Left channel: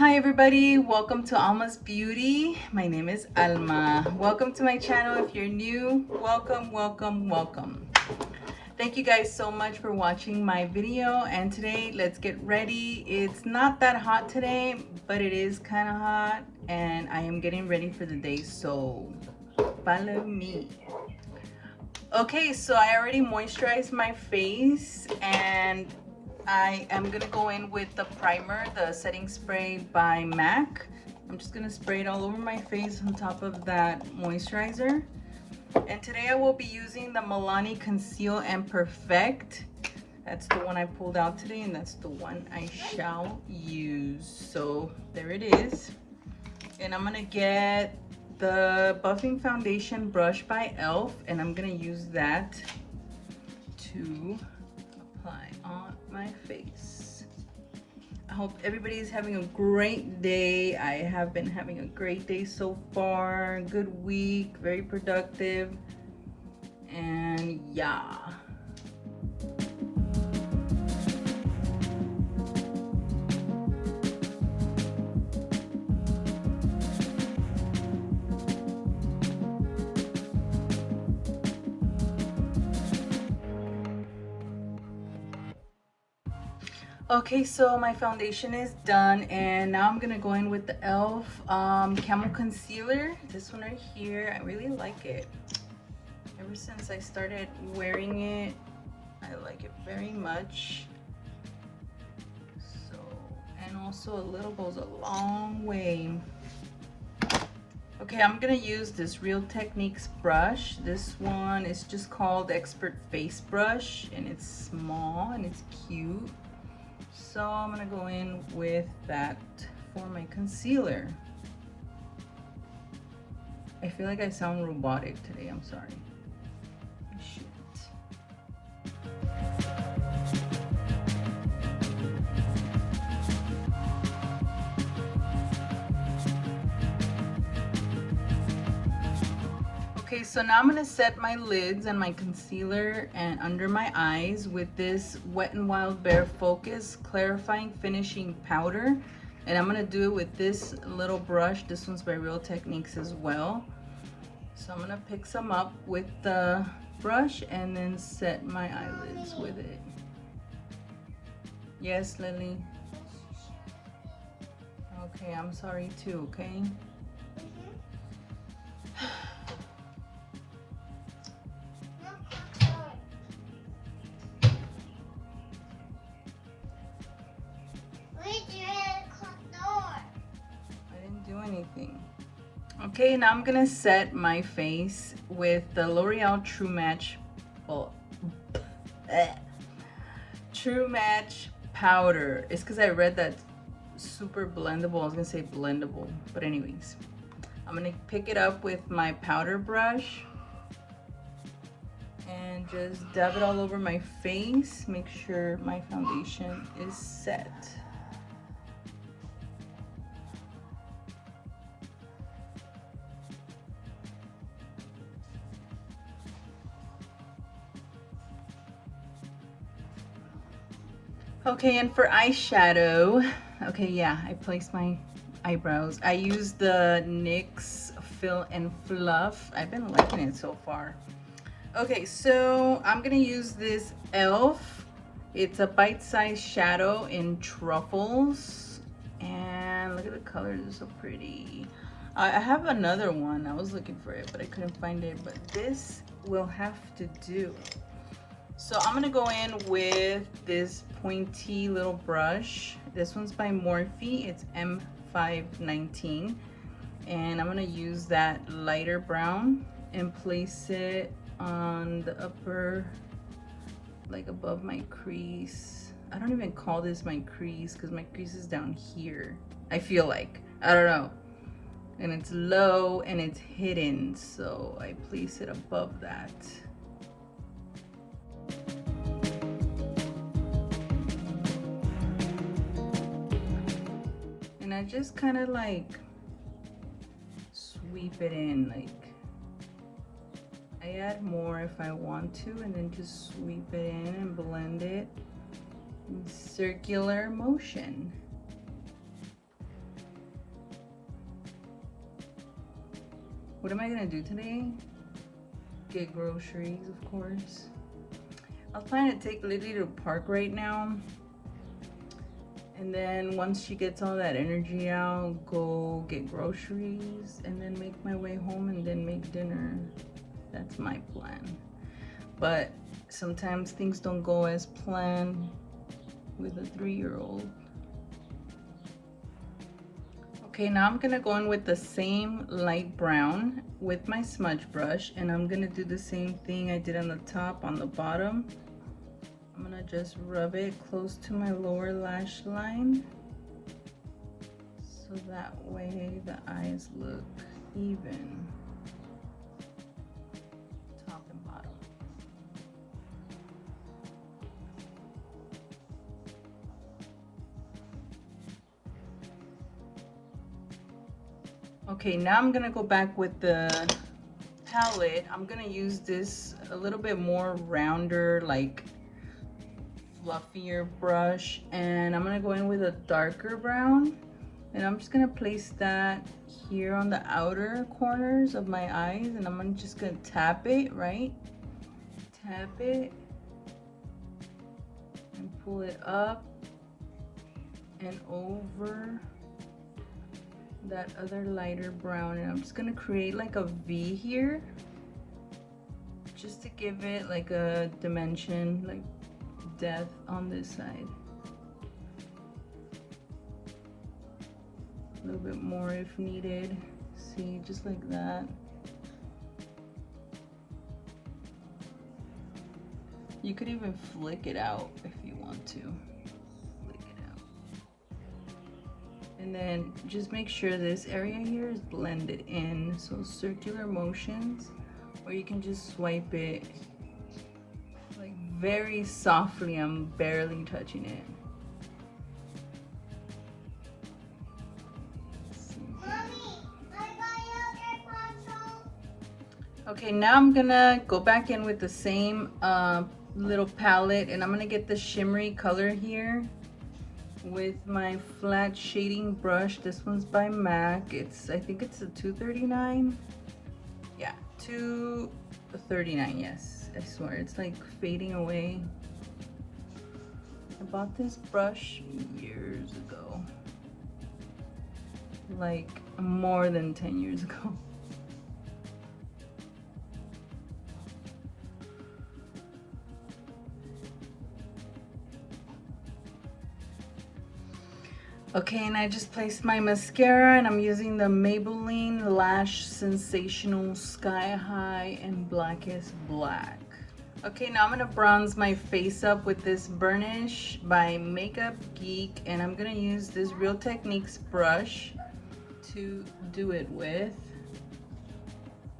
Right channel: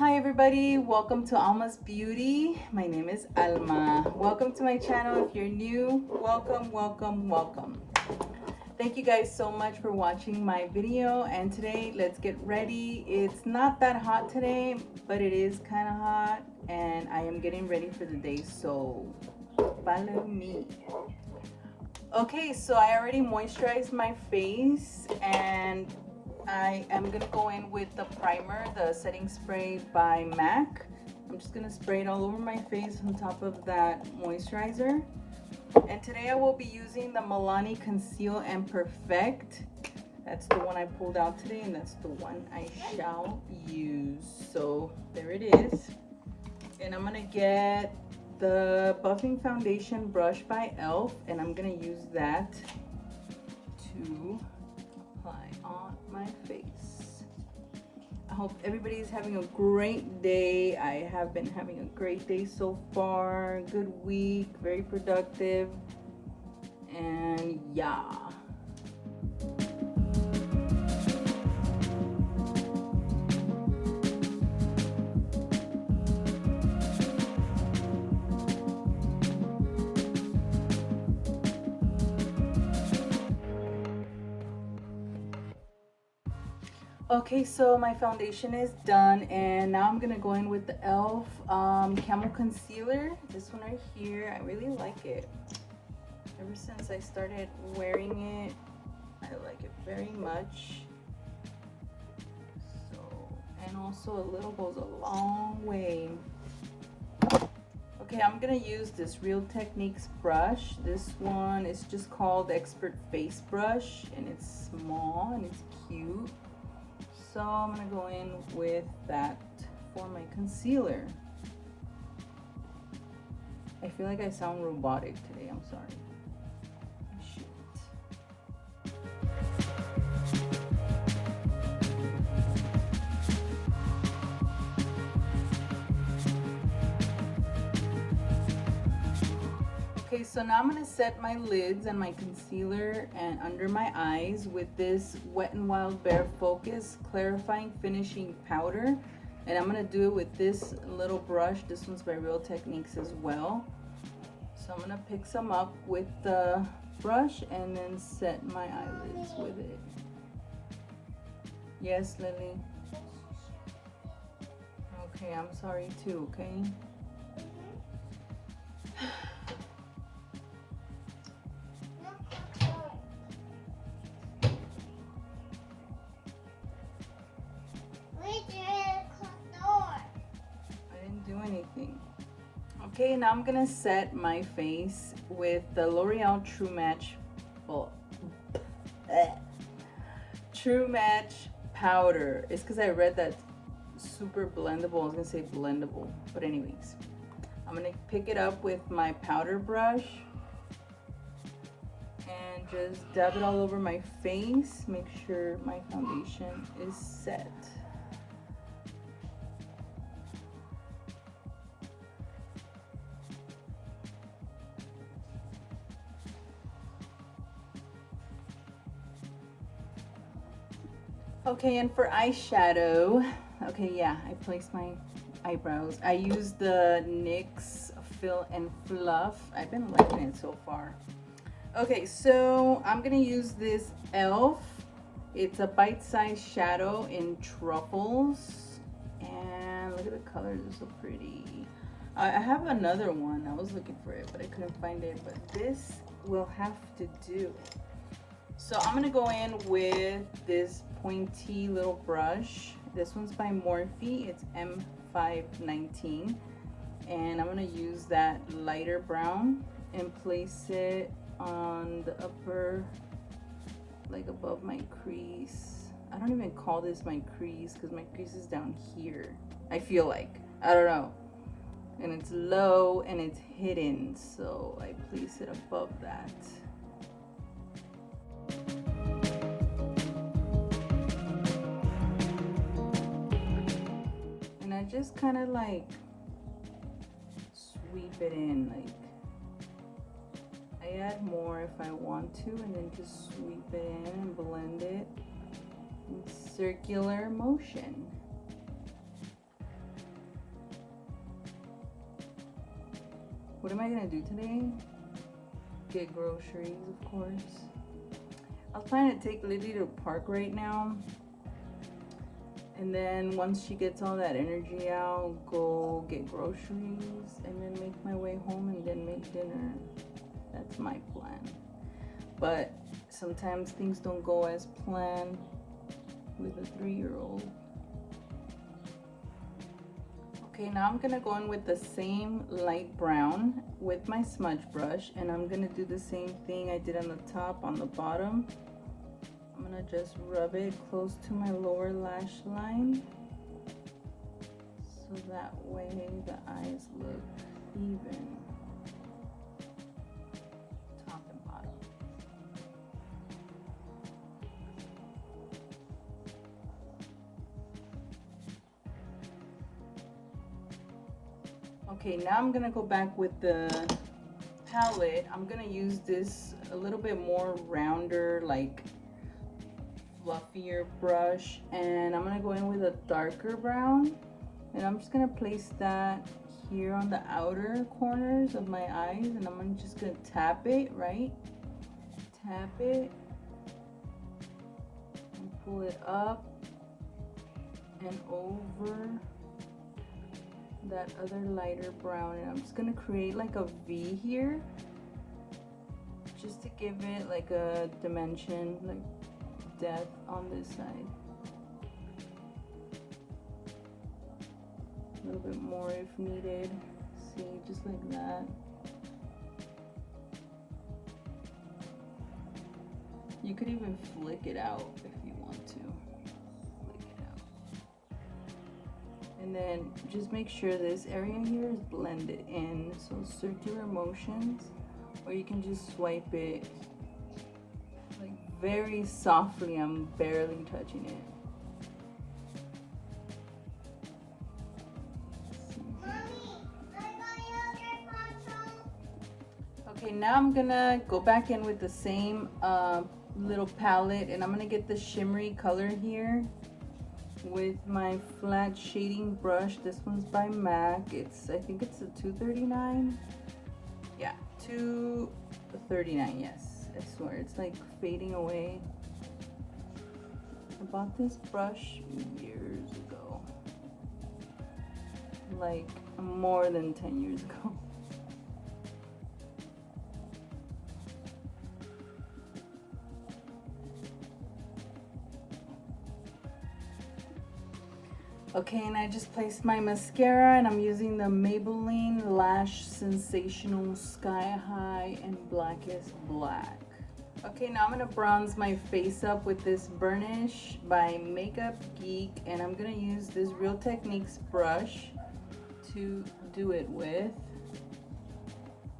Hi everybody, welcome to Alma's Beauty. My name is Alma. Welcome to my channel. If you're new, welcome. Thank you guys so much for watching my video, and today let's get ready. It's not that hot today, but it is kind of hot and I am getting ready for the day, so follow me. Okay, so I already moisturized my face and I am gonna go in with the primer, the setting spray by MAC. I'm just gonna spray it all over my face on top of that moisturizer. And today I will be using the Milani Conceal and Perfect. That's the one I pulled out today, and that's the one I shall use. So there it is. And I'm gonna get the buffing foundation brush by e.l.f. and I'm gonna use that to apply on my face. I hope everybody's having a great day. I have been having a great day so far. Good week, very productive, and yeah. Okay, so my foundation is done, and now I'm gonna go in with the e.l.f. Camel Concealer. This one right here, I really like it. Ever since I started wearing it, I like it very much. So, and also a little goes a long way. Okay, I'm gonna use this Real Techniques brush. This one is just called Expert Face Brush, and it's small and it's cute. So I'm gonna go in with that for my concealer. I feel like I sound robotic today, I'm sorry. Shoot. Okay, so now I'm gonna set my lids and my concealer and under my eyes with this Wet n Wild Bare Focus Clarifying Finishing Powder. And I'm gonna do it with this little brush. This one's by Real Techniques as well. So I'm gonna pick some up with the brush and then set my eyelids with it. Yes, Lily? Okay, I'm sorry too, okay? Okay, now I'm gonna set my face with the L'Oreal True Match True Match powder. It's because I read that super blendable. I was gonna say blendable, but anyways, I'm gonna pick it up with my powder brush and just dab it all over my face. Make sure my foundation is set. Okay, and for eyeshadow, okay, yeah, I placed my eyebrows. I used the NYX Fill and Fluff. I've been liking it so far. Okay, so I'm gonna use this e.l.f. It's a bite-sized shadow in Truffles, and look at the colors, they're so pretty. I have another one. I was looking for it, but I couldn't find it, but this will have to do. So I'm gonna go in with this pointy little brush. This one's by Morphe. It's M519. And I'm gonna use that lighter brown and place it on the upper, like above my crease. I don't even call this my crease because my crease is down here. I feel like, I don't know. And it's low and it's hidden, so I place it above that. I just kind of like sweep it in, like I add more if I want to, and then just sweep it in and blend it in circular motion. What am I gonna do today? Get groceries, of course. I was planning to take Lily to the park right now. And then once she gets all that energy out, go get groceries and then make my way home and then make dinner. That's my plan. But sometimes things don't go as planned with a 3-year-old. Okay, now I'm gonna go in with the same light brown with my smudge brush, and I'm gonna do the same thing I did on the top, on the bottom. I'm gonna just rub it close to my lower lash line, so that way the eyes look even, top and bottom. Okay, now I'm gonna go back with the palette. I'm gonna use this a little bit more rounder, like fluffier brush, and I'm gonna go in with a darker brown, and I'm just gonna place that here on the outer corners of my eyes, and I'm just gonna tap it, right? Tap it and pull it up and over that other lighter brown, and I'm just gonna create like a V here just to give it like a dimension, like depth on this side. A little bit more if needed. See, just like that. You could even flick it out if you want to. And then just make sure this area here is blended in, so circular motions, or you can just swipe it like very softly. I'm barely touching it. Okay, now I'm gonna go back in with the same little palette, and I'm gonna get the shimmery color here with my flat shading brush. This one's by MAC. I think it's a 239. Yeah, 239. Yes, I swear it's like fading away. I bought this brush years ago, like more than 10 years ago. Okay, and I just placed my mascara, and I'm using the Maybelline Lash Sensational Sky High and Blackest Black. Okay, now I'm gonna bronze my face up with this Burnish by Makeup Geek, and I'm gonna use this Real Techniques brush to do it with.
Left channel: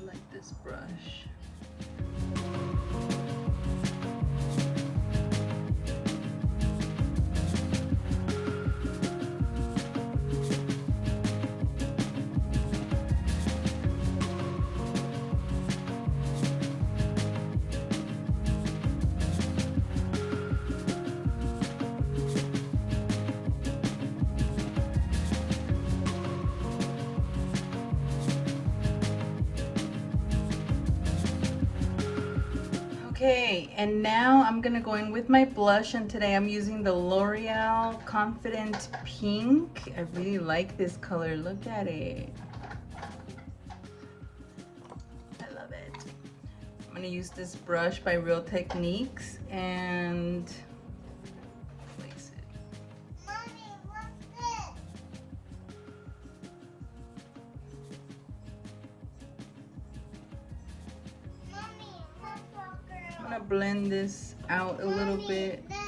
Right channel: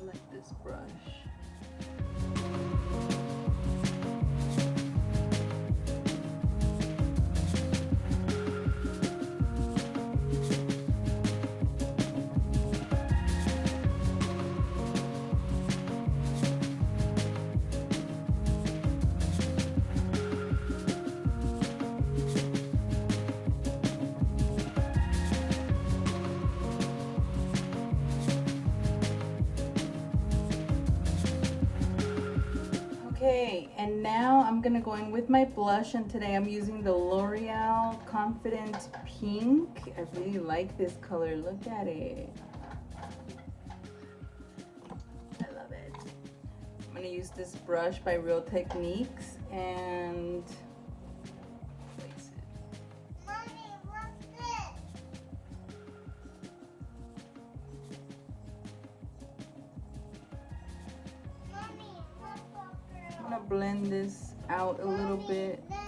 I like this brush. Okay, and now I'm gonna go in with my blush, and today I'm using the L'Oreal Confident Pink. I really like this color. Look at it. I love it. I'm gonna use this brush by Real Techniques and place it. Mommy, what's this? Mommy, purple girl. I'm gonna blend this out a little bit. This.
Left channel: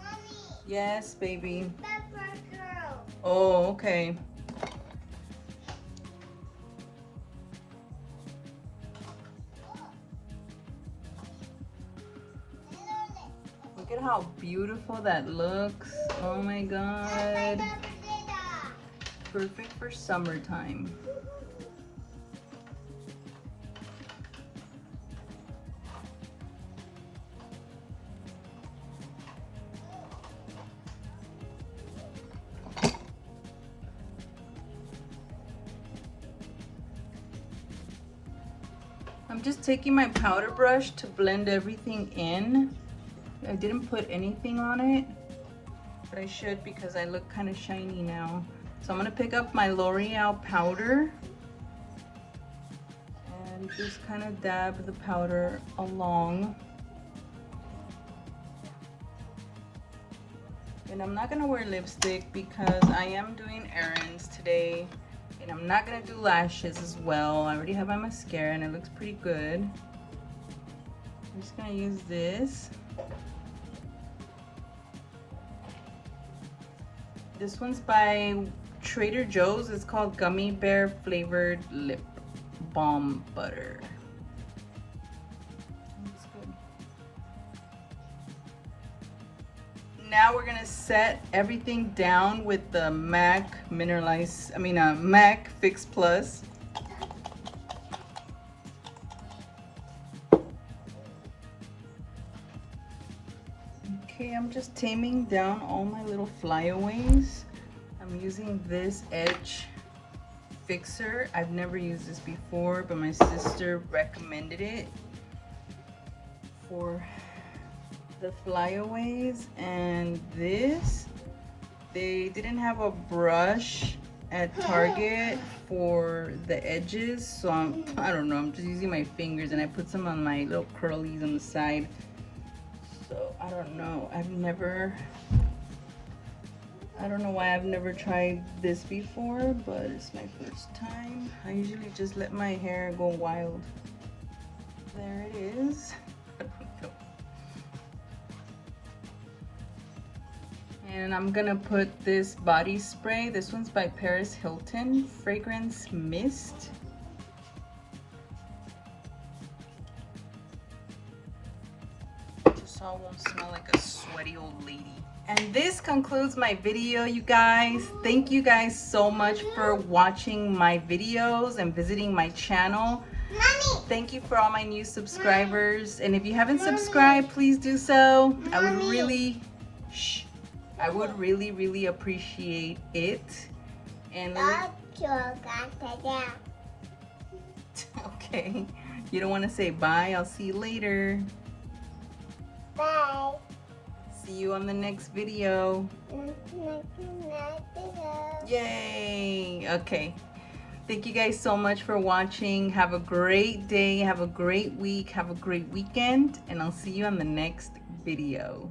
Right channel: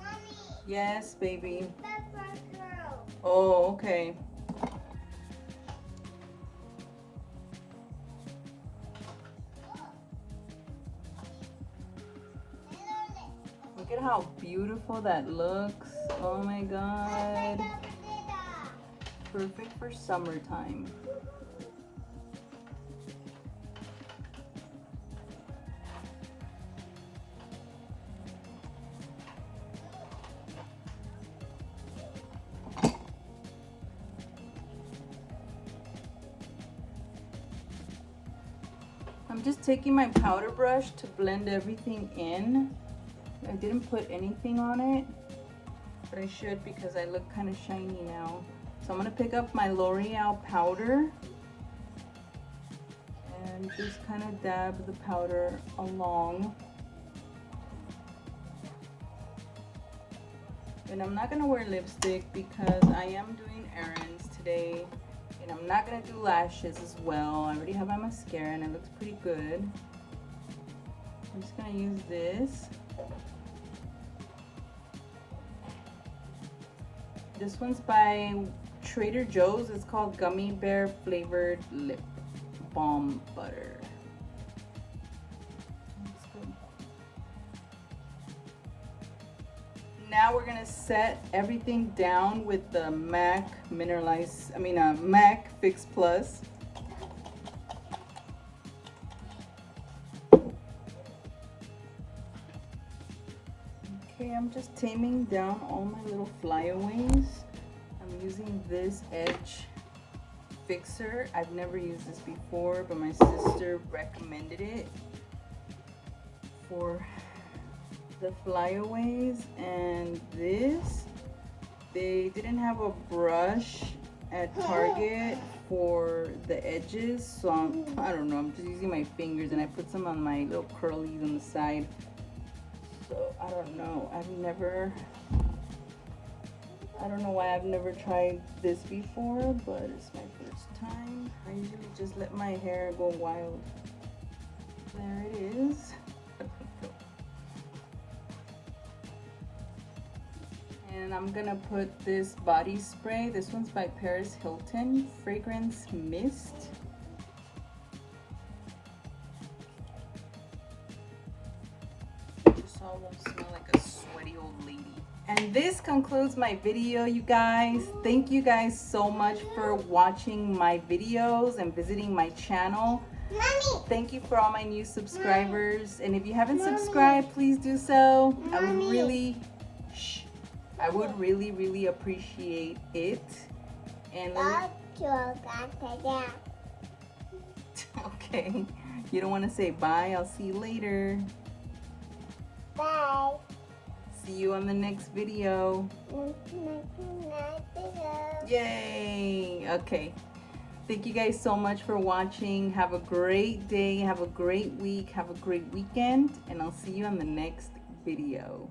Mommy, Yes, baby. purple girl. Oh, okay. Look at how beautiful that looks. Oh my god. Perfect for summertime. I'm just taking my powder brush to blend everything in. I didn't put anything on it, but I should because I look kind of shiny now. So I'm gonna pick up my L'Oreal powder and just kind of dab the powder along. And I'm not gonna wear lipstick because I am doing errands today. And I'm not gonna do lashes as well. I already have my mascara and it looks pretty good. I'm just gonna use this. This one's by Trader Joe's. It's called Gummy Bear Flavored Lip Balm Butter. That's good. Now we're gonna set everything down with the MAC MAC Fix Plus. Okay, I'm just taming down all my little flyaways. I'm using this edge fixer. I've never used this before, but my sister recommended it for the flyaways. And this, they didn't have a brush at Target for the edges, so I don't know, I'm just using my fingers, and I put some on my little curlies on the side. So I don't know, I don't know why I've never tried this before, but it's my first time. I usually just let my hair go wild. There it is. And I'm gonna put this body spray. This one's by Paris Hilton, Fragrance Mist. Just so I won't smell like a sweaty old lady. And this concludes my video, you guys. Thank you guys so much for watching my videos and visiting my channel. Mommy. Thank you for all my new subscribers. And if you haven't subscribed, please do so. I would really appreciate it. And okay, you don't want to say bye. I'll see you later. Bye. See you on the next video. Yay. Okay, thank you guys so much for watching. Have a great day, have a great week, have a great weekend, and I'll see you on the next video.